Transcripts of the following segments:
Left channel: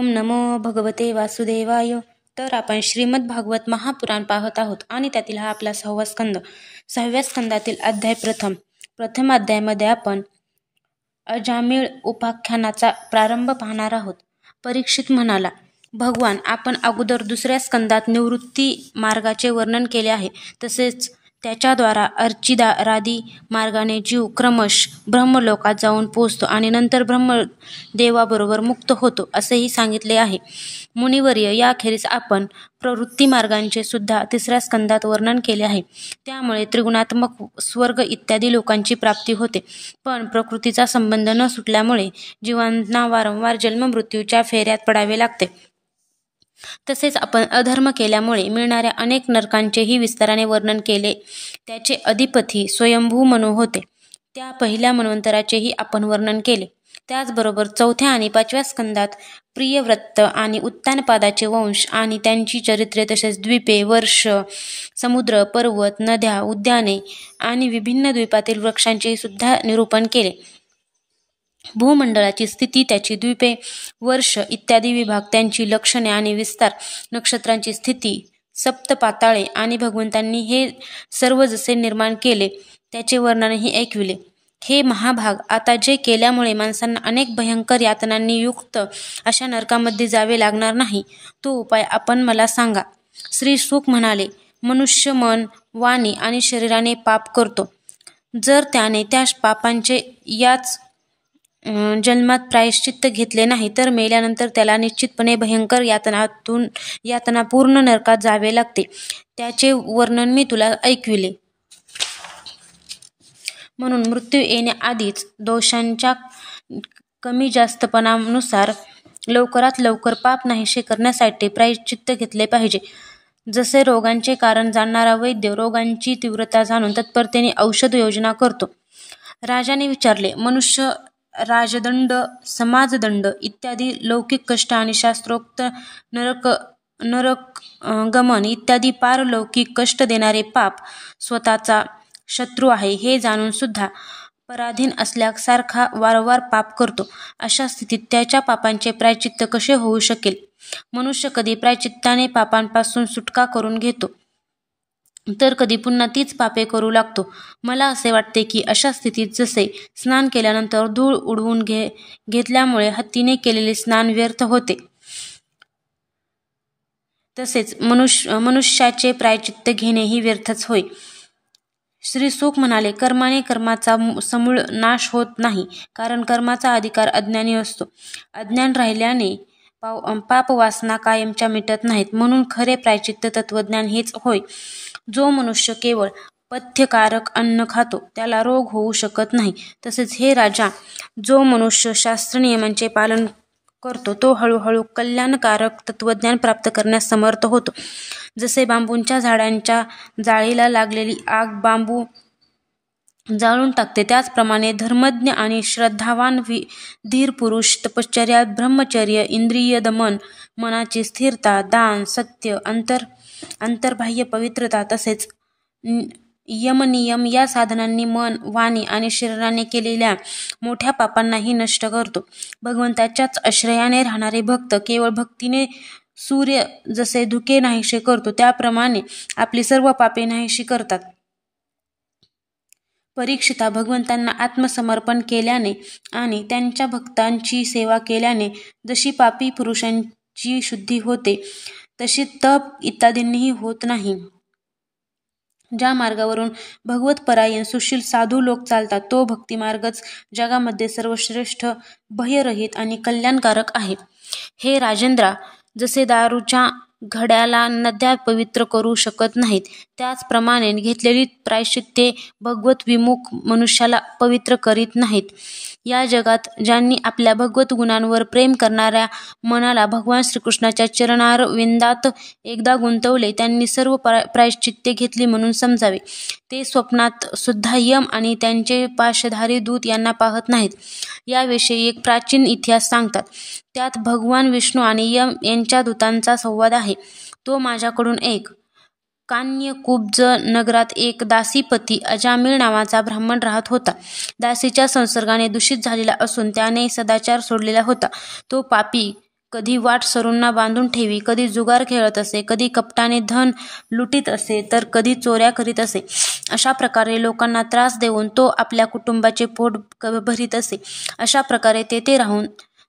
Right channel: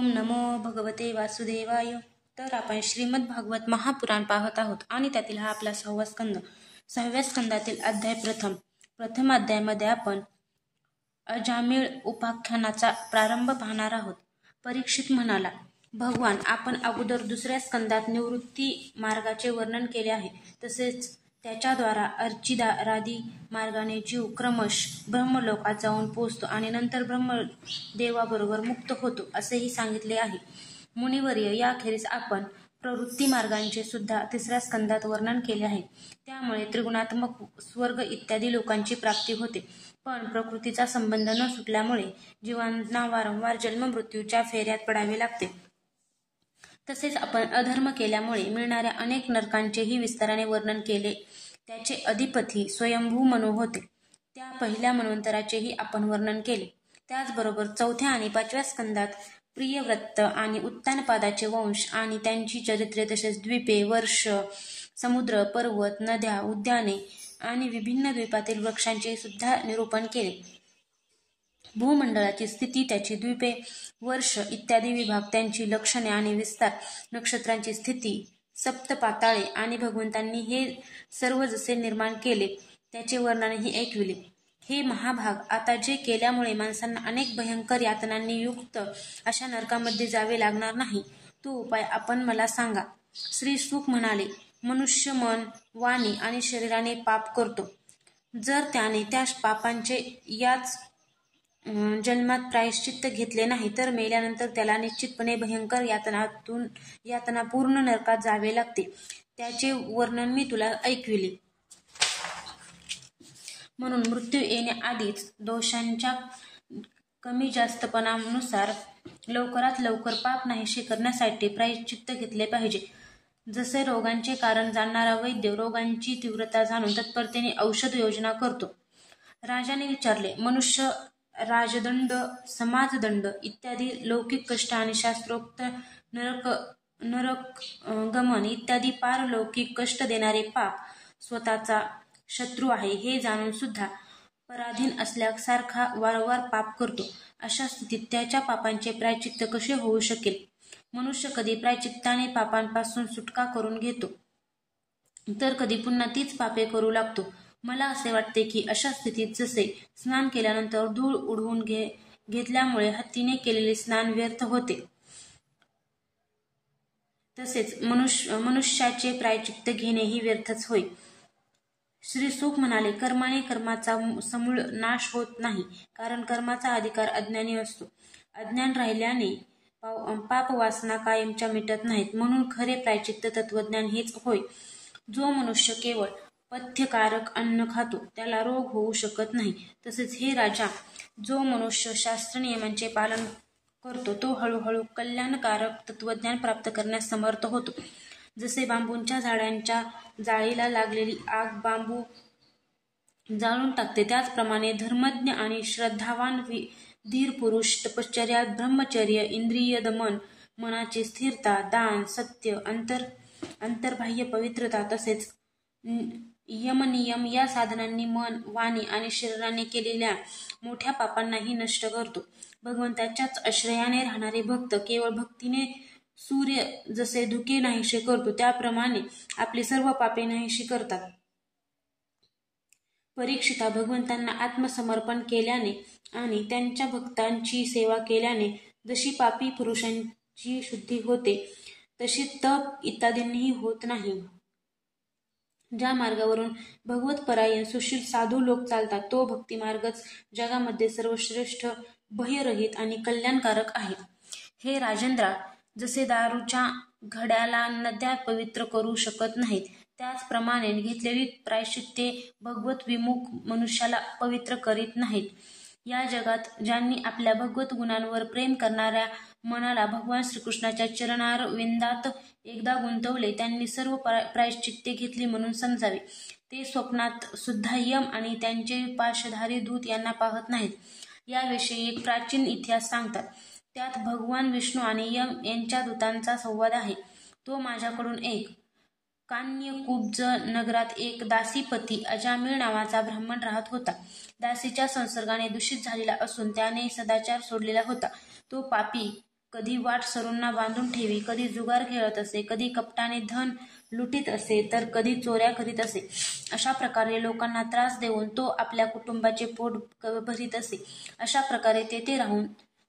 ओम नमो भगवते वासुदेवाय. तर आपण श्रीमद भागवत महापुराण पाहत आहोत आणि त्यातील हा आपला 6वा स्कंद. 6व्या स्कंदातील अध्याय प्रथम अध्यायामध्ये आपण अजामिळ उपाख्यानाचा प्रारंभ पाहणार आहोत. परीक्षित म्हणाला, भगवान, आपण अगोदर 2ऱ्या स्कंदात निवृत्ती मार्गाचे वर्णन केले आहे. तसेच त्याच्याद्वारा अर्चिरादी मार्गाने जीव क्रमश ब्रह्मलोकात जाऊन पोचतो आणि नंतर ब्रह्मदेवाबरोबर मुक्त होतो असेही सांगितले आहे. मुनिवर्य, याखेरीज आपण प्रवृत्ती मार्गांचे सुद्धा 3ऱ्या स्कंदात वर्णन केले आहे. त्यामुळे त्रिगुणात्मक स्वर्ग इत्यादी लोकांची प्राप्ती होते. पण प्रकृतीचा संबंध न सुटल्यामुळे जीवांना वारंवार जन्ममृत्यूच्या फेऱ्यात पडावे लागते. तसेच आपण अधर्म केल्यामुळे मिळणाऱ्या अनेक नरकांचेही विस्ताराने वर्णन केले. त्याचे अधिपती स्वयंभू मनु होते. त्या पहिल्या मन्वंतराचेही आपण वर्णन केले. त्याचबरोबर 4थ्या आणि 5व्या स्कंदात प्रियव्रत आणि उत्तानपादाचे वंश आणि त्यांची चरित्रे, तसेच द्वीपे, वर्ष, समुद्र, पर्वत, नद्या, उद्याने आणि विभिन्न द्वीपातील वृक्षांचे सुद्धा निरूपण केले. भूमंडळाची स्थिती, त्याची द्वीपे, वर्ष इत्यादी विभाग, त्यांची लक्षणे आणि विस्तार, नक्षत्रांची स्थिती, सप्तपाताळे आणि भगवंतांनी हे सर्व जसे निर्माण केले त्याचे वर्णनही ऐकविले. हे महाभाग, आता जे केल्यामुळे माणसांना अनेक भयंकर यातनांनी युक्त अशा नरकामध्ये जावे लागणार नाही, तो उपाय आपण मला सांगा. श्री शुक म्हणाले, मनुष्य मन, वाणी आणि शरीराने पाप करतो. जर त्याने त्या पापांचे याच जन्मात प्रायश्चित्त घेतले नाही तर मेल्यानंतर त्याला निश्चितपणे भयंकर यातनापूर्ण नरकात जावे लागते. त्याचे वर्णन मी तुला ऐकविले. म्हणून मृत्यू येण्याआधीच दोषांच्या कमी जास्तपणानुसार लवकरात लवकर पाप नाहीसे करण्यासाठी प्रायश्चित्त घेतले पाहिजे. जसे रोगांचे कारण जाणणारा वैद्य रोगांची तीव्रता जाणून तत्परतेने औषध योजना करतो. राजाने विचारले, मनुष्य राजदंड, समाजदंड इत्यादी लौकिक कष्ट आणि शास्त्रोक्त नरक गमन इत्यादी पारलौकिक कष्ट देणारे पाप स्वतःचा शत्रू आहे हे जाणून सुद्धा पराधीन असल्यासारखा वारंवार पाप करतो. अशा स्थितीत त्याच्या पापांचे प्रायश्चित्त कसे होऊ शकेल? मनुष्य कधी प्रायश्चित्ताने पापांपासून सुटका करून घेतो तर कधी पुन्हा तीच पापे करू लागतो. मला असे वाटते की अशा स्थितीत जसे स्नान केल्यानंतर धूळ उडवून घेतल्यामुळे हत्तीने केलेले स्नान व्यर्थ होते, तसेच मनुष्याचे प्रायश्चित्त घेणेही व्यर्थच होय. श्री शुक म्हणाले, कर्माने कर्माचा समूळ नाश होत नाही, कारण कर्माचा अधिकार अज्ञानी असतो. अज्ञान राहिल्याने पापवासना कायमच्या मिटत नाहीत. म्हणून खरे प्रायश्चित्त तत्वज्ञान हेच होय. जो मनुष्य केवळ पथ्यकारक अन्न खातो त्याला रोग होऊ शकत नाही. तसेच हे राजा, जो मनुष्य शास्त्रनियमांचे पालन करतो तो हळूहळू कल्याणकारक तत्वज्ञान प्राप्त करण्यास समर्थ होतो. जसे बांबूच्या झाडांच्या जाळीला लागलेली आग बांबू जाळून टाकते, त्याचप्रमाणे धर्मज्ञ आणि श्रद्धावान धीर पुरुष तपश्चर्या, ब्रह्मचर्य, इंद्रिय दमन, मनाची स्थिरता, दान, सत्य, अंतर्बाह्य पवित्रता तसेच यमनियम या साधनांनी मन, वाणी आणि शरीराने केलेल्या मोठ्या पापांनाही नष्ट करतो. भगवंताच्याच आश्रयाने राहणारे भक्त केवळ भक्तीने सूर्य जसे धुके नाहीसे करतो त्याप्रमाणे आपली सर्व पापे नाहीशी करतात. परीक्षिता, भगवंतांना आत्मसमर्पण केल्याने आणि त्यांच्या भक्तांची सेवा केल्याने जशी पापी पुरुषांची शुद्धी होते तशी तप इत्यादींनीही होत नाही. ज्या मार्गावरून भगवतपरायण सुशील साधू लोक चालतात तो भक्तिमार्गच जगामध्ये सर्वश्रेष्ठ, भयरहित आणि कल्याणकारक आहे. हे राजेंद्रा, जसे दारूच्या घड्याला नद्या पवित्र करू शकत नाहीत त्याचप्रमाणे घेतलेली प्रायश्चित्ते भगवत विमुख मनुष्याला पवित्र करीत नाहीत. या जगात ज्यांनी आपल्या भगवत गुणांवर प्रेम करणाऱ्या मनाला भगवान श्रीकृष्णाच्या चरणारविंदात एकदा गुंतवले त्यांनी सर्व प्रायश्चित्ते घेतली म्हणून समजावे. ते स्वप्नात सुद्धा यम आणि त्यांचे पाशधारी दूत यांना पाहत नाहीत. याविषयी एक प्राचीन इतिहास सांगतात. त्यात भगवान विष्णू आणि यम यांच्या दूतांचा संवाद आहे. तो माझ्याकडून ऐक. कान्यकुब्ज नगरात एक दासीपती अजामिळ नावाचा ब्राह्मण राहत होता. दासीच्या संसर्गाने दूषित झालेला असून त्याने सदाचार सोडलेला होता. तो पापी कधी वाट सरूंना बांधून ठेवी, कधी जुगार खेळत असे, कधी कपटाने धन लुटीत असे, तर कधी चोऱ्या करीत असे. अशा प्रकारे लोकांना त्रास देऊन तो आपल्या कुटुंबाचे पोट भरीत असे. अशा प्रकारे तेथे राहून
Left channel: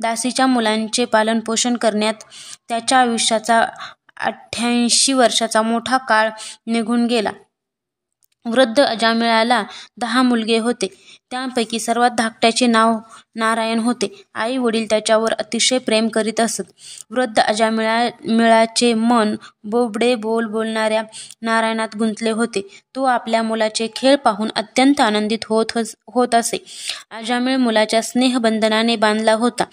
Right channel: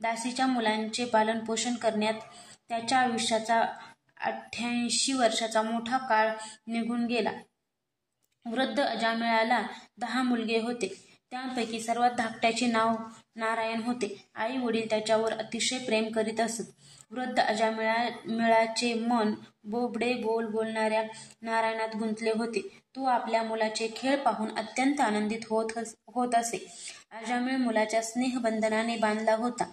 दासीच्या मुलांचे पालनपोषण करण्यात त्याच्या आयुष्याचा 88 वर्षाचा मोठा काळ निघून गेला. वृद्ध अजामिळाला 10 मुलगे होते. त्यापैकी सर्वात धाकट्याचे नाव नारायण होते. आई वडील त्याच्यावर अतिशय प्रेम करीत असत. वृद्ध अजामिळाचे मन बोबडे बोलणाऱ्या नारायणात गुंतले होते. तो आपल्या मुलाचे खेळ पाहून अत्यंत आनंदित होत असे. अजामिळ मुलाच्या स्नेहबंधनाने बांधला होता.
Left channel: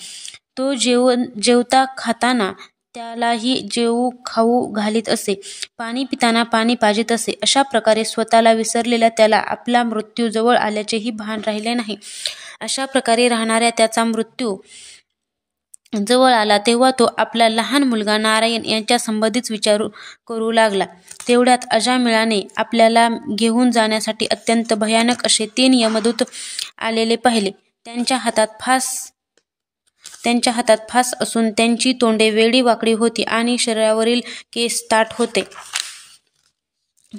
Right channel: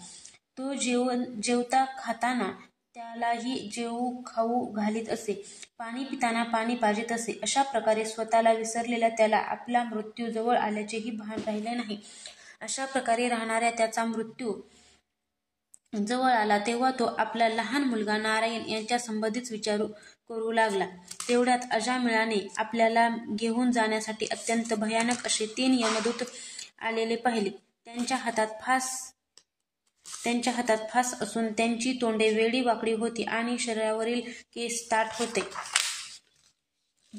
तो जेवता खाताना त्यालाही जेवू खाऊ घालीत असे. पाणी पिताना पाणी पाजीत असे. अशा प्रकारे स्वतःला विसरलेल्या त्याला आपला मृत्यू जवळ आल्याचेही भान राहिले नाही. अशा प्रकारे राहणाऱ्या त्याचा मृत्यू जवळ आला तेव्हा तो आपला लहान मुलगा नारायण यांच्या संबंधीच विचार करू लागला. तेवढ्यात अजामिळाने आपल्याला घेऊन जाण्यासाठी अत्यंत भयानक असे 3 यमदूत आलेले पाहिले. त्यांच्या हातात फास असून त्यांची तोंडे वेडी वाकडी होती आणि शरीरावरील केस ताठ होते.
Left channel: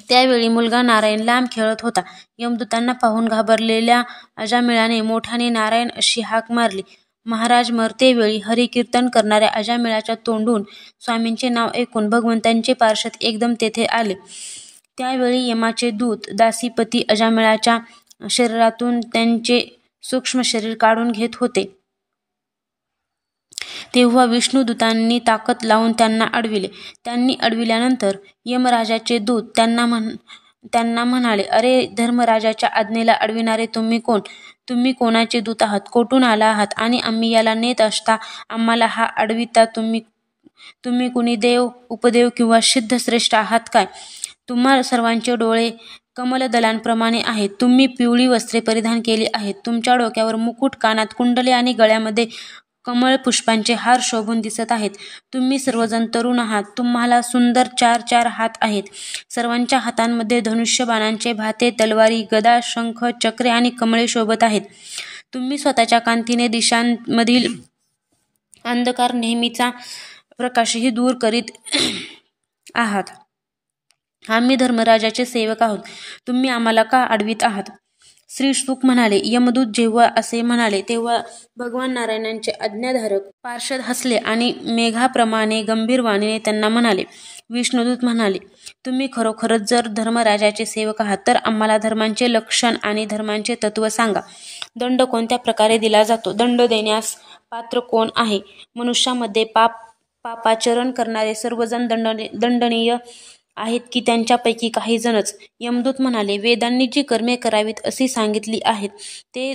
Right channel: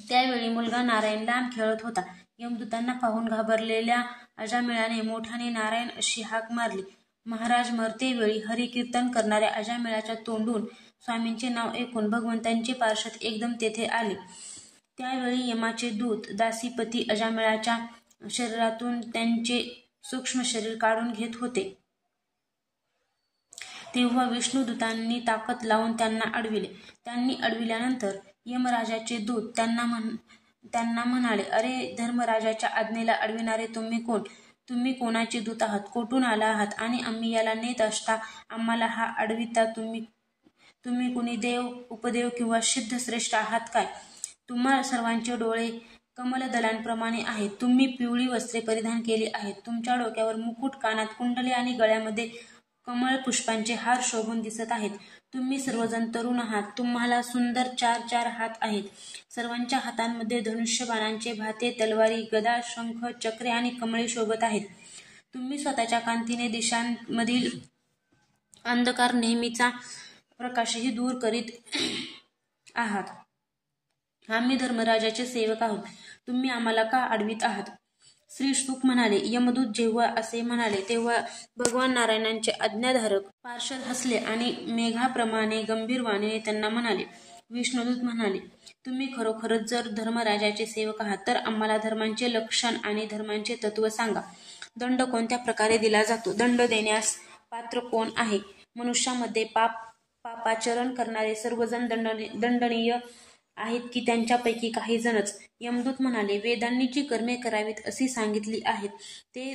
त्यावेळी मुलगा नारायण लांब खेळत होता. यमदूतांना पाहून घाबरलेल्या अजामिळाने मोठ्याने नारायण अशी हाक मारली. महाराज मरतेवेळी हरिकीर्तन करणाऱ्या अजामिळाच्या तोंडून स्वामींचे नाव ऐकून भगवंतांचे पार्षद एकदम तेथे आले. त्यावेळी यमाचे दूत दासीपती अजामिळाच्या शरीरातून त्यांचे सूक्ष्म शरीर काढून घेत होते. तेव्हा विष्णुदूतांनी ताकद लावून त्यांना अडविले. त्यांनी अडविल्यानंतर यमराजाचे दूत त्यांना म्हणाले, अरे धर्मराजाच्या आज्ञेला अडविणारे तुम्ही कोण? तुम्ही कोणाचे दूत आहात? कोठून आला आहात? आणि आम्ही याला नेत असता आम्हाला हा अडविता तुम्ही कुणी देव, उपदेव किंवा सिद्धश्रेष्ठ आहात काय? तुम्हा सर्वांचे डोळे कमलदलांप्रमाणे आहेत. तुम्ही पिवळी वस्त्रे परिधान केली आहेत. तुमच्या डोक्यावर मुकुट, कानात कुंडले आणि गळ्यामध्ये कमळ पुष्पांचे हार शोभून दिसत आहेत. तुम्ही सर्वजण तरुण आहात. तुम्हाला सुंदर 4 हात आहेत. सर्वांच्या हातांमध्ये धनुष्य बाणांचे भाते, तलवारी, गदा, शंख, चक्रे आणि कमळे शोभत आहेत. तुम्ही स्वतःच्या कांतीने दिशांमधील अंधकार नेहमीचा प्रकाशही दूर करीत आहात. आम्ही धर्मराजाचे सेवक आहोत. तुम्ही आम्हाला का अडवित आहात? श्री शुक म्हणाले, यमदूत जेव्हा असे म्हणाले तेव्हा भगवान नारायणांचे आज्ञाधारक पार्षद हसले आणि मेघाप्रमाणे गंभीर वाणीने त्यांना म्हणाले. विष्णुदूत म्हणाले, तुम्ही खरोखरच जर धर्मराजाचे सेवक आहात तर आम्हाला धर्मांचे लक्षण आणि धर्मांचे तत्व सांगा. दंड कोणत्या प्रकारे दिला जातो? दंड देण्यास पात्र कोण आहे? मनुष्यामध्ये पापाचरण करणारे सर्वजण दंडनीय आहेत की त्यांच्यापैकी काही जणच? यमदूत म्हणाले, वेदांनी जी कर्मे करावीत अशी सांगितली आहेत ते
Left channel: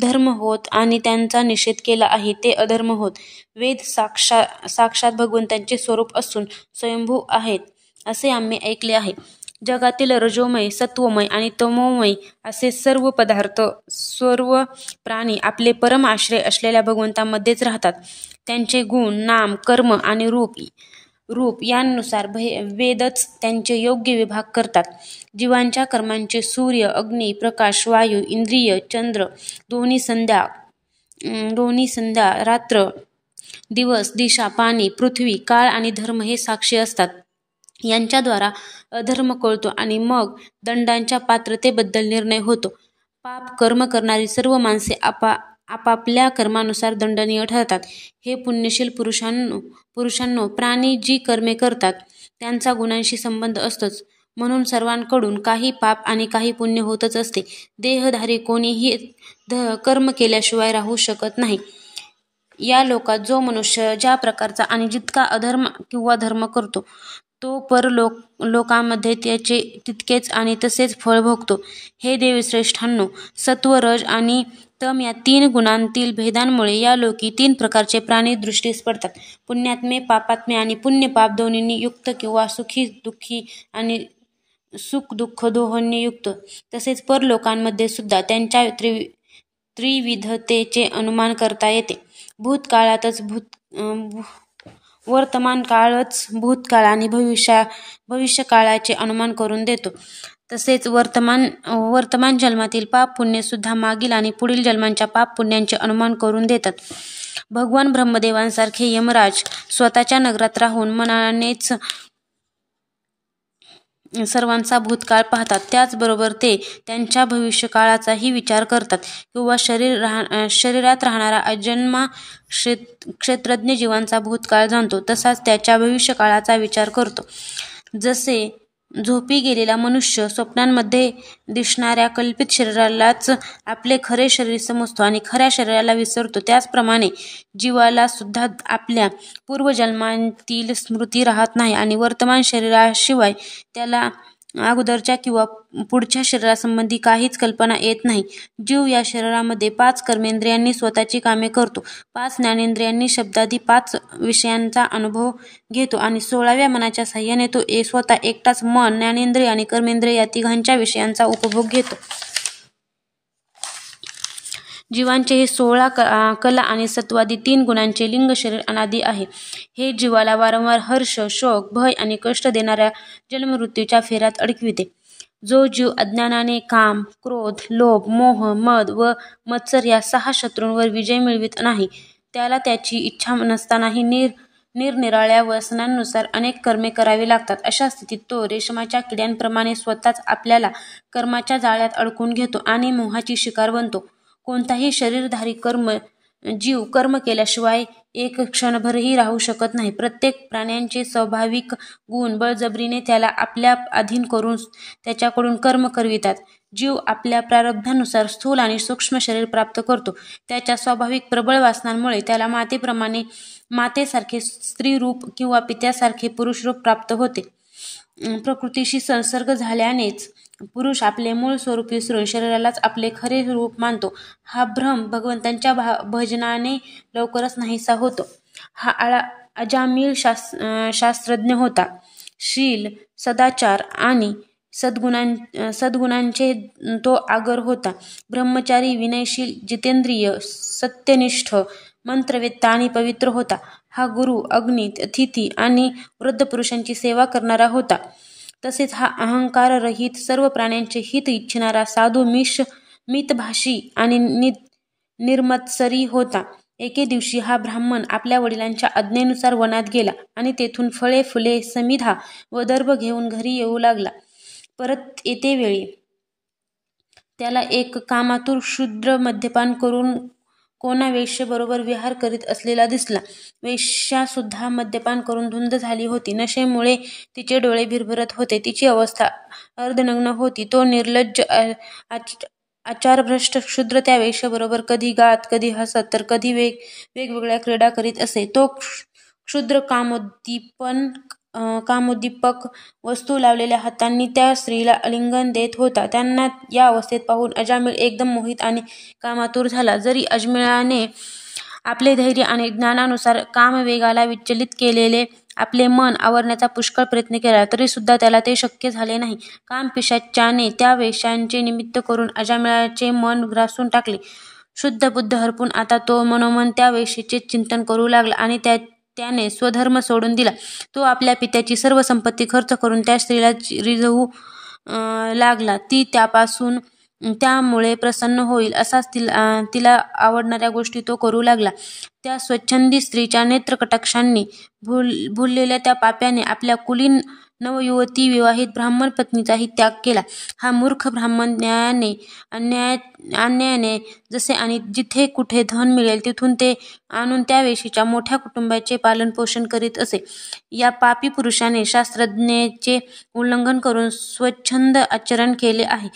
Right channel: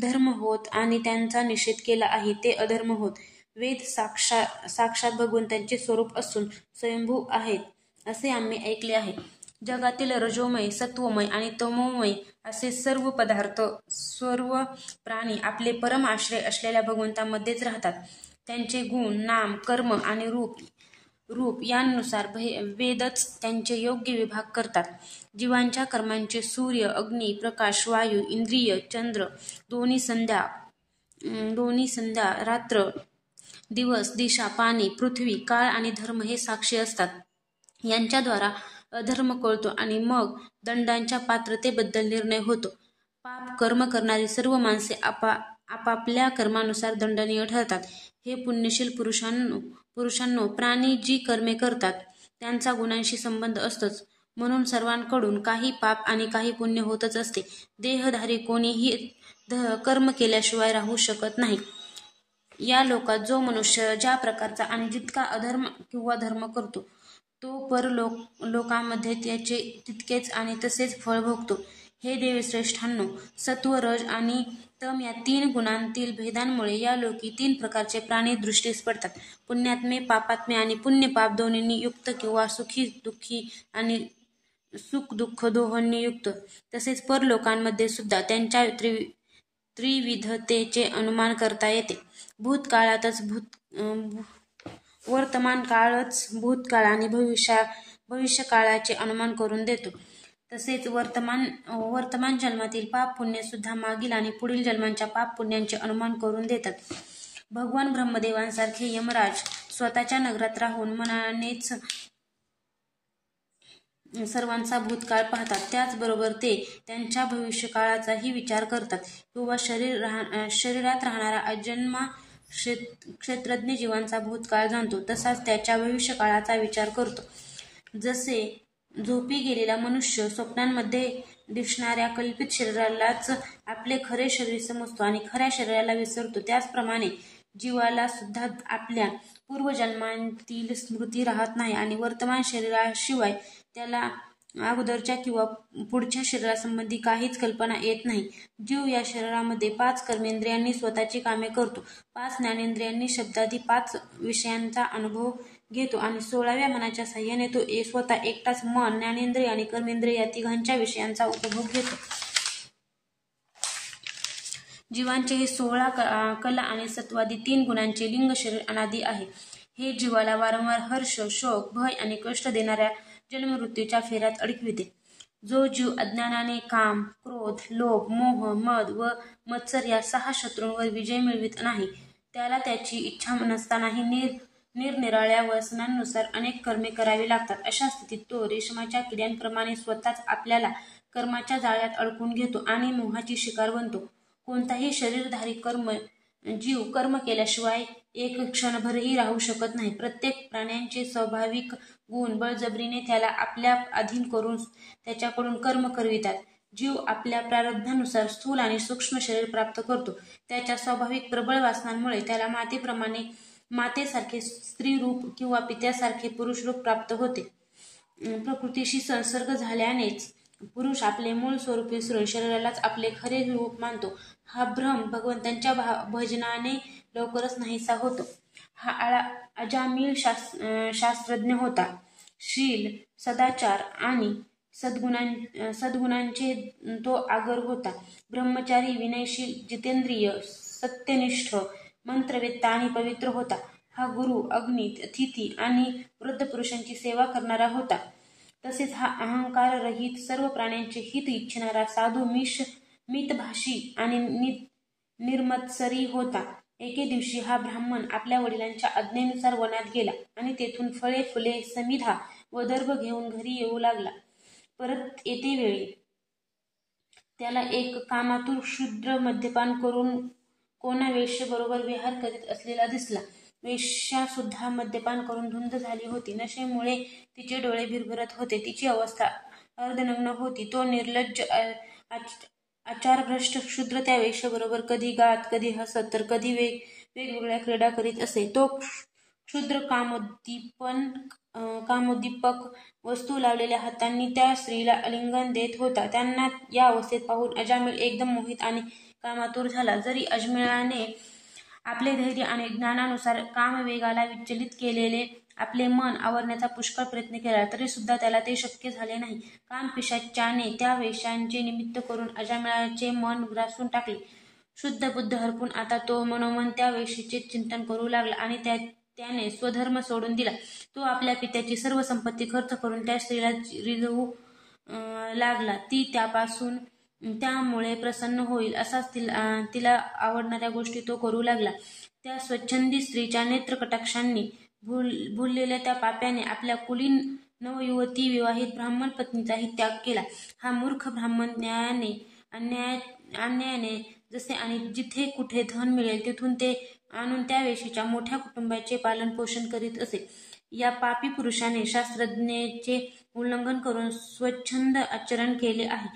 धर्म होत आणि त्यांचा निषेध केला आहे ते अधर्म होत. वेद साक्षात भगवंतांचे स्वरूप असून स्वयंभू आहेत असे आम्ही ऐकले आहे. जगातील रजोमय, सत्वमय आणि तमोमय असे सर्व पदार्थ, सर्व प्राणी आपले परम आश्रय असलेल्या भगवंतामध्येच राहतात. त्यांचे गुण, नाम, कर्म आणि रूप यानुसार वेदच त्यांचे योग्य विभाग करतात. जीवांच्या कर्मांचे सूर्य, अग्नी, प्रकाश, वायू, इंद्रिय, चंद्र, दोन्ही संध्या, रात्र, दिवस, दिशा, पाणी, पृथ्वी, काळ आणि धर्म हे साक्षी असतात. यांच्याद्वारा अधर्म कळतो आणि मग दंडांच्या पात्रतेबद्दल निर्णय होतो. पाप कर्म करणारी सर्व माणसे आपापल्या कर्मानुसार दंडनीय ठरतात. हे पुण्यशील पुरुषांनो, प्राणी जी कर्मे करतात त्यांचा गुणांशी संबंध असतोच. म्हणून सर्वांकडून काही पाप आणि काही पुण्य होतच असते. देहधारी कोणीही कर्म केल्याशिवाय राहू शकत नाही. या लोकात जो मनुष्य ज्या प्रकारचा आणि जितका अधर्म किंवा धर्म करतो तो परलोकामध्ये त्याचे तितकेच आणि तसेच फळ भोगतो. हे देवश्रेष्ठांनो, सत्व, रज आणि तम या 3 गुणांतील भेदांमुळे या लोकी 3 प्रकारचे प्राणी दृष्टीस पडतात. पुण्यात्मे, पापात्मे आणि पुण्यपाप दोन्हींनी युक्त किंवा सुखी दुःखी आणि सुख दुःख दोहोंनी युक्त. तसेच परलोकांमध्ये सुद्धा त्यांच्या त्रिविधतेचे अनुमान करता येते. वर्तमान काळच भूतकाळ आणि भविष्यकाळाचे अनुमान करून देतो. तसेच वर्तमान जन्मातील पाप पुण्य सुद्धा मागील आणि पुढील जन्मांच्या पाप पुण्यांचे अनुमान करून देतात. भगवान ब्रह्मदेवांसारखे यमराज स्वतःच्या नगरात राहून मनानेच सर्वांचा भूतकाळ पाहतात. त्याचबरोबर ते त्यांच्या भविष्यकाळाचाही विचार करतात किंवा शरीरात राहणारा अजन्मा क्षेत्रज्ञ जीवांचा भूतकाळ जाणतो तसाच त्याच्या भविष्यकाळाचा विचार करतो. जसे झोपी गेलेला मनुष्य स्वप्नांमध्ये दिसणाऱ्या कल्पित शरीरालाच आपले खरे शरीर समजतो आणि खऱ्या शरीराला विसरतो, त्याचप्रमाणे जीवाला सुद्धा आपल्या पूर्वजन्मांतील स्मृती राहत नाही आणि वर्तमान शरीराशिवाय त्याला अगोदरच्या किंवा पुढच्या शरीरासंबंधी काहीच कल्पना येत नाही. जीव या शरीरामध्ये 5 कर्मेंद्रियांनी स्वतःची कामे करतो, 5 ज्ञानेंद्रियांनी शब्दादी 5 विषयांचा अनुभव घेतो आणि 16व्या मनाच्या साहाय्याने तो स्वतः एकटाच मन, ज्ञानेंद्रिय आणि कर्मेंद्रिय या तिघांच्या विषयांचा उपभोग घेतो. जीवांचे हे 16 कला आणि सत्वादी 3 गुणांचे लिंग शरीर अनादी आहे. हे जीवाला वारंवार हर्ष, शोक, भय आणि कष्ट देणाऱ्या जन्ममृत्यूच्या फेऱ्यात अडकविते. जो जीव अज्ञानाने काम, क्रोध, लोभ, मोह, मद व मत्सर या 6 शत्रूंवर विजय मिळवित नाही, त्याला त्याची इच्छा नसतानाही निरनिराळ्या व्यसनांनुसार अनेक कर्मे करावी लागतात. अशा स्थितीत तो रेशमाच्या किड्यांप्रमाणे स्वतःच आपल्याला कर्माच्या जाळ्यात अडकून घेतो आणि मोहाची शिकार बनतो. कोणताही शरीरधारी जीव कर्म केल्याशिवाय एक क्षणभरही राहू शकत नाही. प्रत्येक प्राण्यांचे स्वाभाविक गुण बळजबरीने त्याला आपल्या अधीन करून त्याच्याकडून कर्म करवितात. जीव आपल्या प्रारब्धानुसार स्थूल आणि सूक्ष्म शरीर प्राप्त करतो. त्याच्या स्वाभाविक प्रबळ वासनांमुळे त्याला मातेसारखे स्त्रीरूप किंवा पित्यासारखे पुरुषरूप प्राप्त होते. प्रकृतीशी संसर्ग झाल्यानेच पुरुष आपले मूळ स्वरूप विसरून शरीरालाच आपले खरे रूप मानतो. हा भ्रम भगवंतांच्या भजनाने लवकरच नाहीसा होतो. हा अजामिळ शास्त्रज्ञ होता. शील, सदाचार आणि सद्गुणांचे तो आगर होता. ब्रह्मचारी, विनयशील, जितेंद्रिय, सत्यनिष्ठ, मंत्रवेत्ता आणि पवित्र होता. हा गुरु, अग्नी, अतिथी आणि वृद्ध पुरुषांची सेवा करणारा होता. तसेच हा अहंकाररहित, सर्व प्राण्यांचे हित इच्छिणारा, साधू, मितभाषी आणि निर्मत्सरी होता. एके दिवशी हा ब्राह्मण आपल्या वडिलांच्या आज्ञेनुसार वनात गेला आणि तेथून फळे, फुले, समिधा व दर्भ घेऊन घरी येऊ लागला. परत येतेवेळी त्याला एक कामातुर शूद्र मद्यपान करून कोणा वेश्येबरोबर विहार करीत असलेला दिसला. वेश्यासुद्धा मद्यपान करून धुंद झाली होती. नशेमुळे तिचे डोळे भिरभिरत होते. तिची अवस्था अर्धनग्न होती. तो निर्लज्ज आचारभ्रष्ट क्षुद्र त्या वेश्येबरोबर कधी गात, कधी हसत तर कधी वेगवेगळ्या क्रीडा करीत असे. तो क्षुद्र कामोद्दीपक वस्तू लावलेल्या हातांनी त्या स्त्रीला आलिंगन देत होता. त्यांना या अवस्थेत पाहून अजामिळ एकदम मोहित आणि कामातुर झाला. जरी अजमिळाने आपले धैर्य आणि ज्ञानानुसार कामवेगाला विचलित केलेले आपले मन आवरण्याचा पुष्कळ प्रयत्न केला तरी सुद्धा त्याला ते शक्य झाले नाही. कामपिशाच्याने त्या वेश्यांचे निमित्त करून अजामिळाचे मन ग्रासून टाकले. शुद्ध बुद्ध हरपून आता तो मनोमन त्या वेश्येचे चिंतन करू लागला आणि त्याने स्वधर्म सोडून दिला. तो आपल्या पित्याची सर्व संपत्ती खर्च करून त्या स्त्रीला रिझवू लागला. ती त्यामुळे प्रसन्न होईल असाच तिला आवडणाऱ्या गोष्टी तो करू लागला. त्या स्वच्छंदी स्त्रीच्या नेत्रकटाक्षांनी भुललेल्या त्या पाप्याने आपल्या कुलीन नवयुवती विवाहित ब्राह्मण पत्नीचाही त्याग केला. हा मूर्ख ब्राह्मण अन्यायाने जसे आणि जिथे कुठे धन मिळेल तिथून ते आणून त्या वेशीच्या मोठ्या कुटुंबाचे पालनपोषण करीत असे. या पापी पुरुषाने शास्त्राज्ञेचे उल्लंघन करून स्वच्छंद आचरण केले आहे.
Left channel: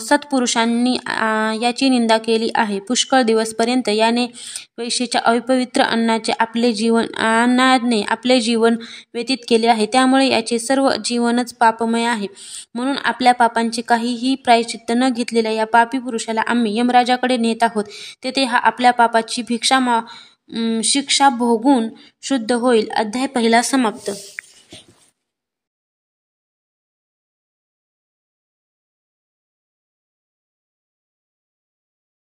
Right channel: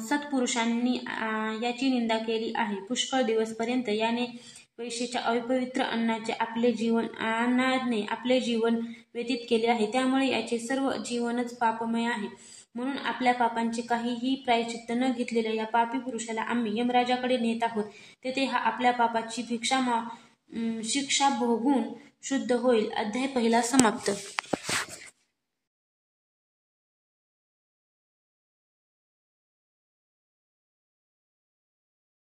सत्पुरुषांनी याची निंदा केली आहे. पुष्कळ दिवसपर्यंत याने वेश्येच्या अपवित्र अन्नाने आपले जीवन व्यतीत केले आहे. त्यामुळे याचे सर्व जीवनच पापमय आहे. म्हणून आपल्या पापांचे काहीही प्रायश्चित्त न घेतलेल्या या पापी पुरुषाला आम्ही यमराजाकडे नेत आहोत. तेथे हा आपल्या पापाची शिक्षा भोगून शुद्ध होईल. अध्याय 1 समाप्त.